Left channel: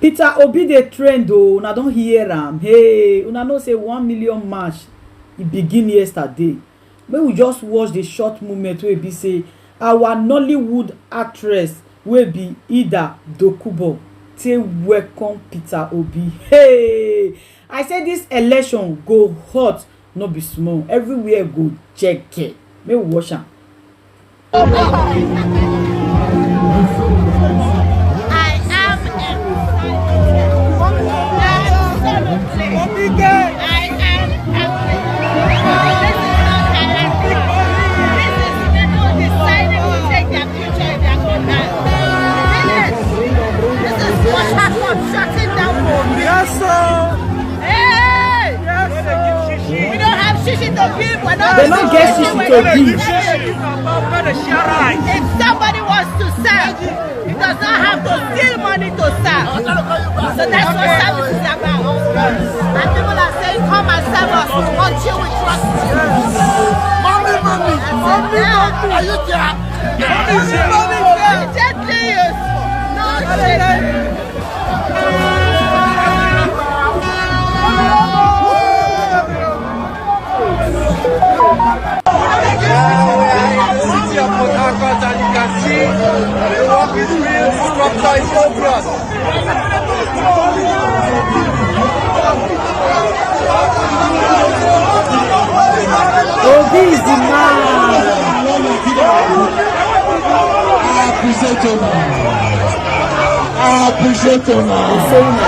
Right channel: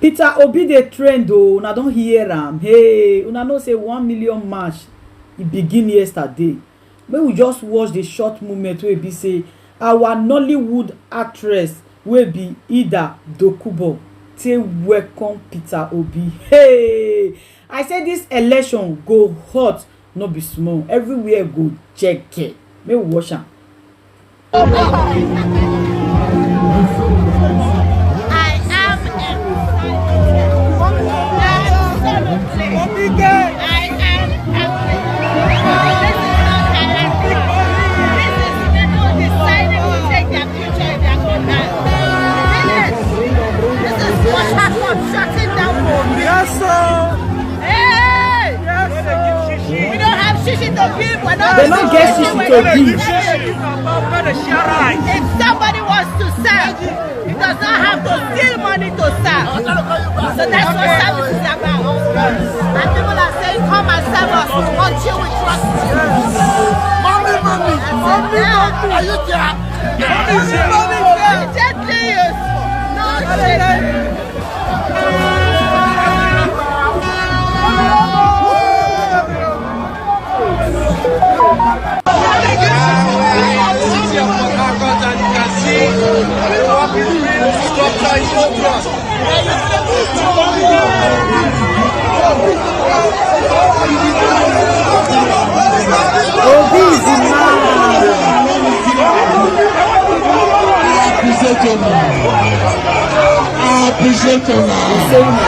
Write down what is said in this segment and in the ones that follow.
Peter Obi dey trend o, una don hear am. Hey, una know say 1 million march e begin yesterday. Make we just watch the short moment wey be say our Nollywood actress wey be Ida Dokubo take welcome Peter Obi. Hey, I say this election go hot, no be small. Everywhere go jeke. Make we watch am. Shutting down for me. Yes, sir. Hey! Yes, sir. We don't have shishi to give. They don't get shishi to give. If somebody wants to serve, he does not have to steal money to serve. So that's what service is about. And people are saying, come and serve us. We want you, we trust you. Mommy. Are you there? Mommy. Gently, yes. No, gently. Obi is the man. He's saying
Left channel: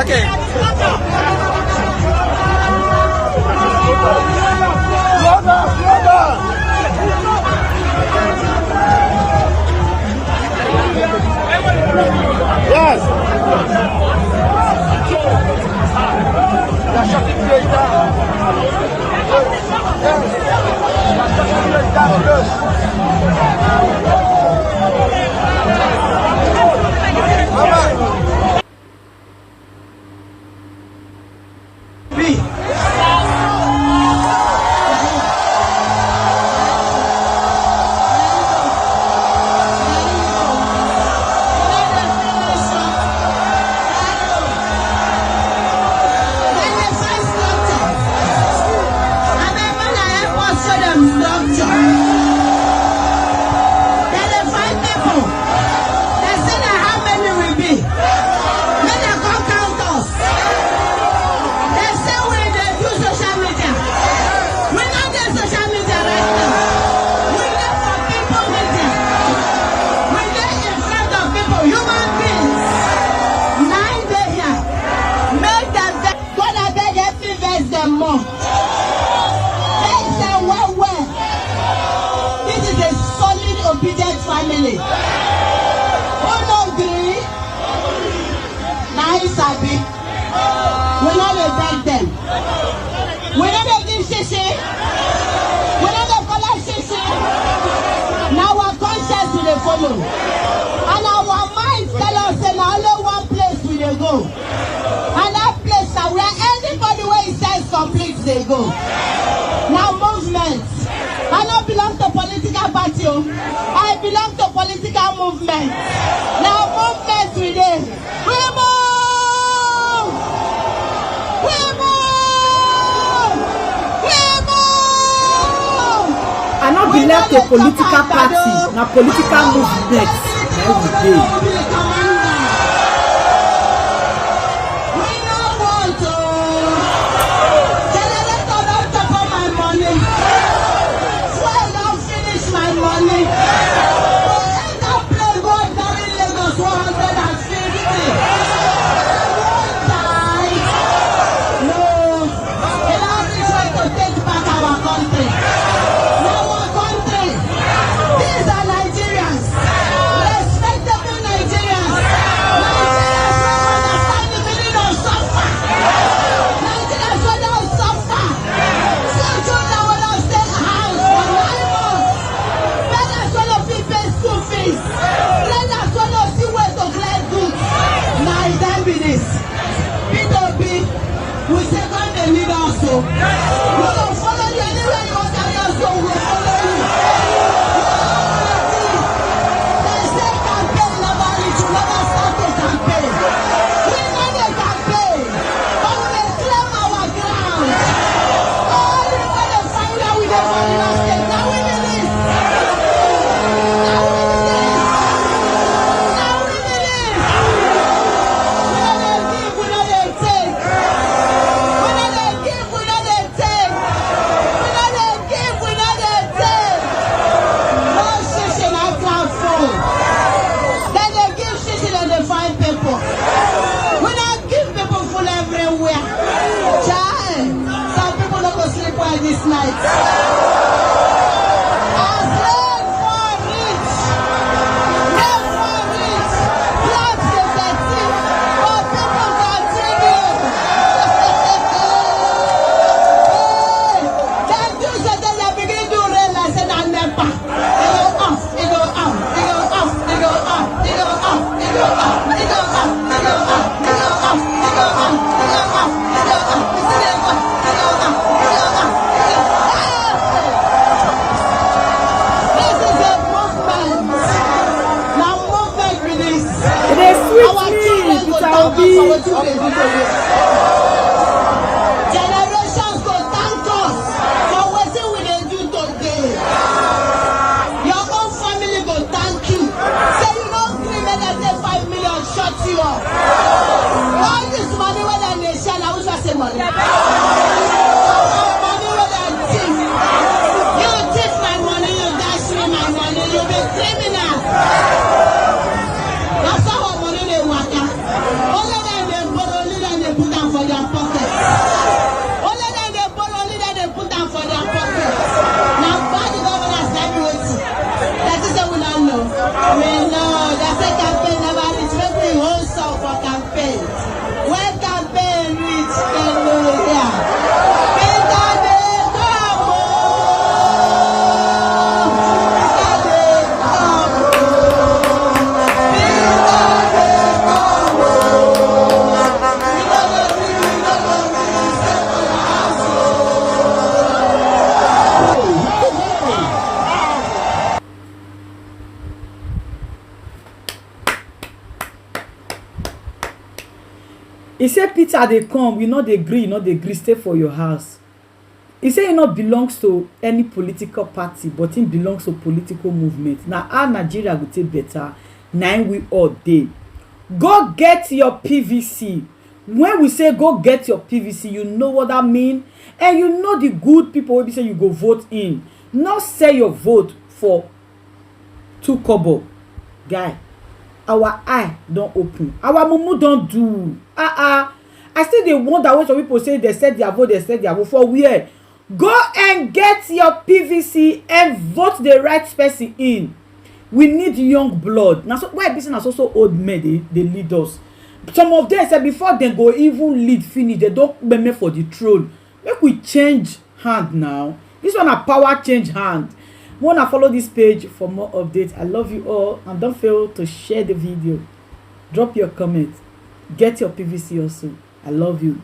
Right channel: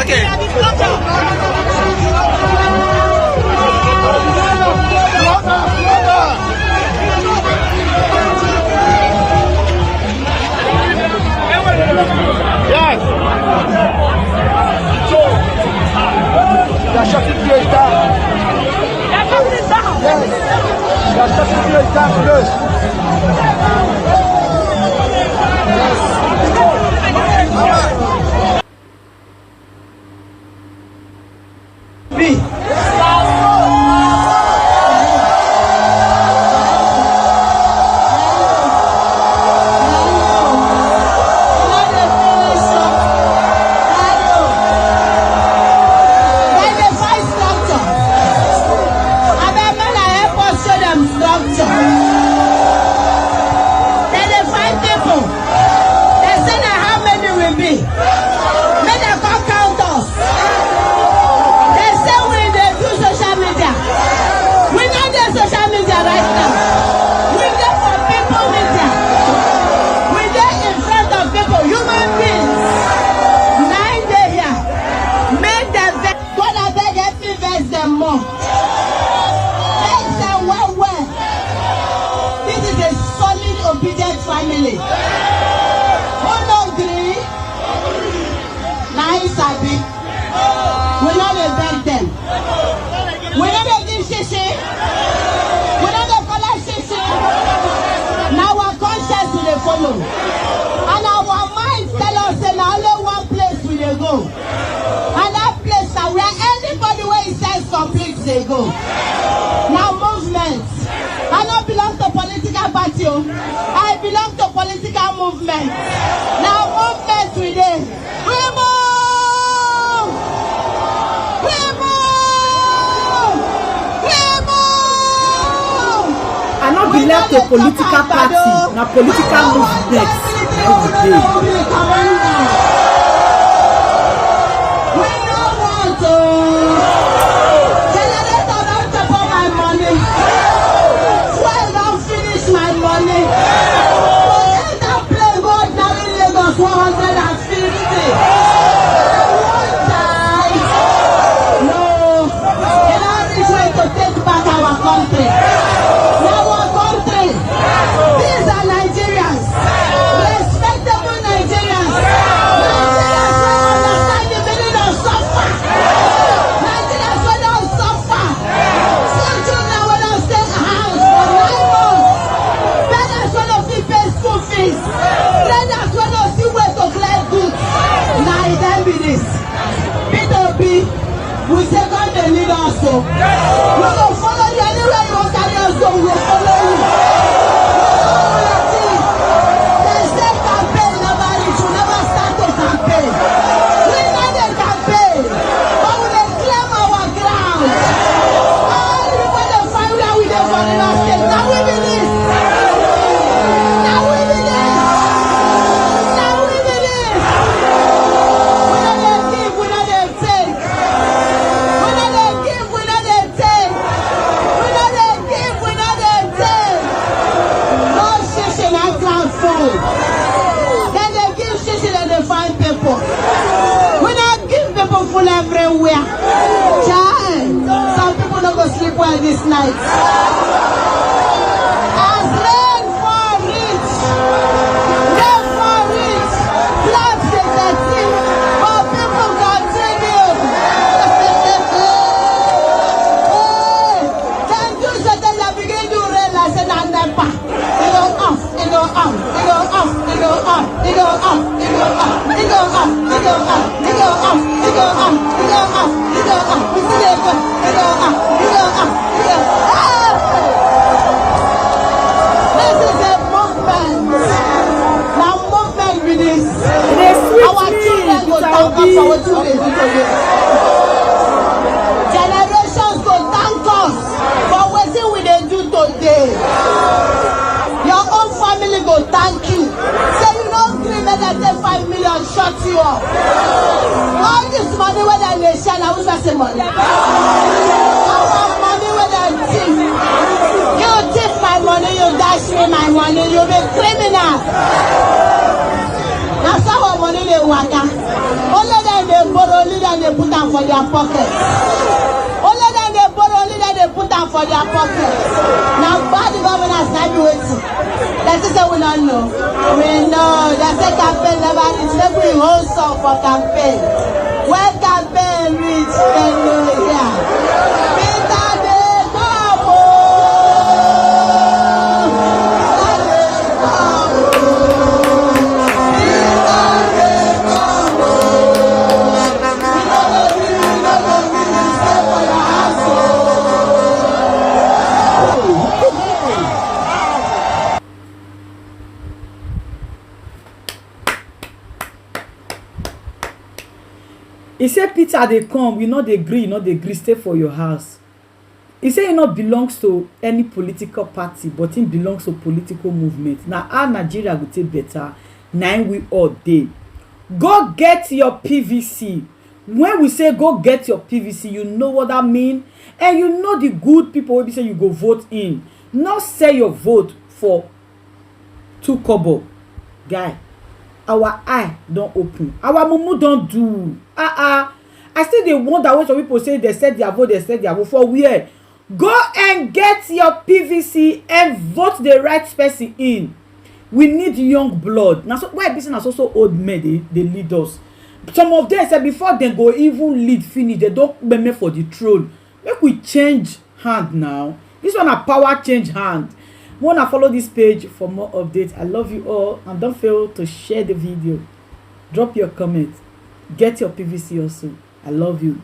Okay. Family. Who don't agree? Nice, Abby. We not beg them. We not give shishi. We not follow shishi. Now our conscience will follow. And our minds tell us that only one place we will go. And that place is where anybody where it says complete they go. Now movement. I don't belong to political party. I belong to political movement. Now movement we dey. We move! We move! We move! I don't belong to political party. Now political movement. Every day. by this night. As rain for rich, floods the dirty, but people continue. Can you say that you begin to rain and say that never? It go up, it go up, it go up, it go up, it go up, it go up, it go up, it go up, it go up, it go up, it go up, it go up, it go up, it go up, it go up, it go up. This is a movement. Now movement with this. It is sweet. Our children go thank us for what they do to you. Generations go thank us for what we dey do today. Your own family go thank you. Say you don't dream that they take 5 million shut you up. All this money when they share, now we say money. All money when they thief. You thief my money, you dash me my money, you be criminal. That's how our money they work. Only then they borrow, only then they put them for their pocket. Only then they borrow, only then they put them for their pocket. Now bad governors like waiting. That is what we don't know. We know that the campaign never reach. Every whole song for campaign. When campaign reach, then know yeah. He said, Peter, they come, you know they agree, you know they agree, stay for your house. He said he not belongs to any political party, but he belongs to political movement. Now, our Nigeria will take better. Now we all day. Go get your PVC. When we say go get your PVC, you know what that mean? And you know the good people will be saying you go vote in. Not say your vote for 2 kobo. Guy. Our eye don't open. Our mumu don't do. I still dey wonder when some people say they said their vote, for where? Go and get your PVC and vote the right person in. We need young blood. Now, so why this is also old men they lead us. Some of them say before they go even lead finish, they don't meme for the throne. Make we change hand now. This one a power change hand. Wanna follow this page for more updates. I love you all, and don't fail to share the video. Drop your comment. Get your PVC also. I love you.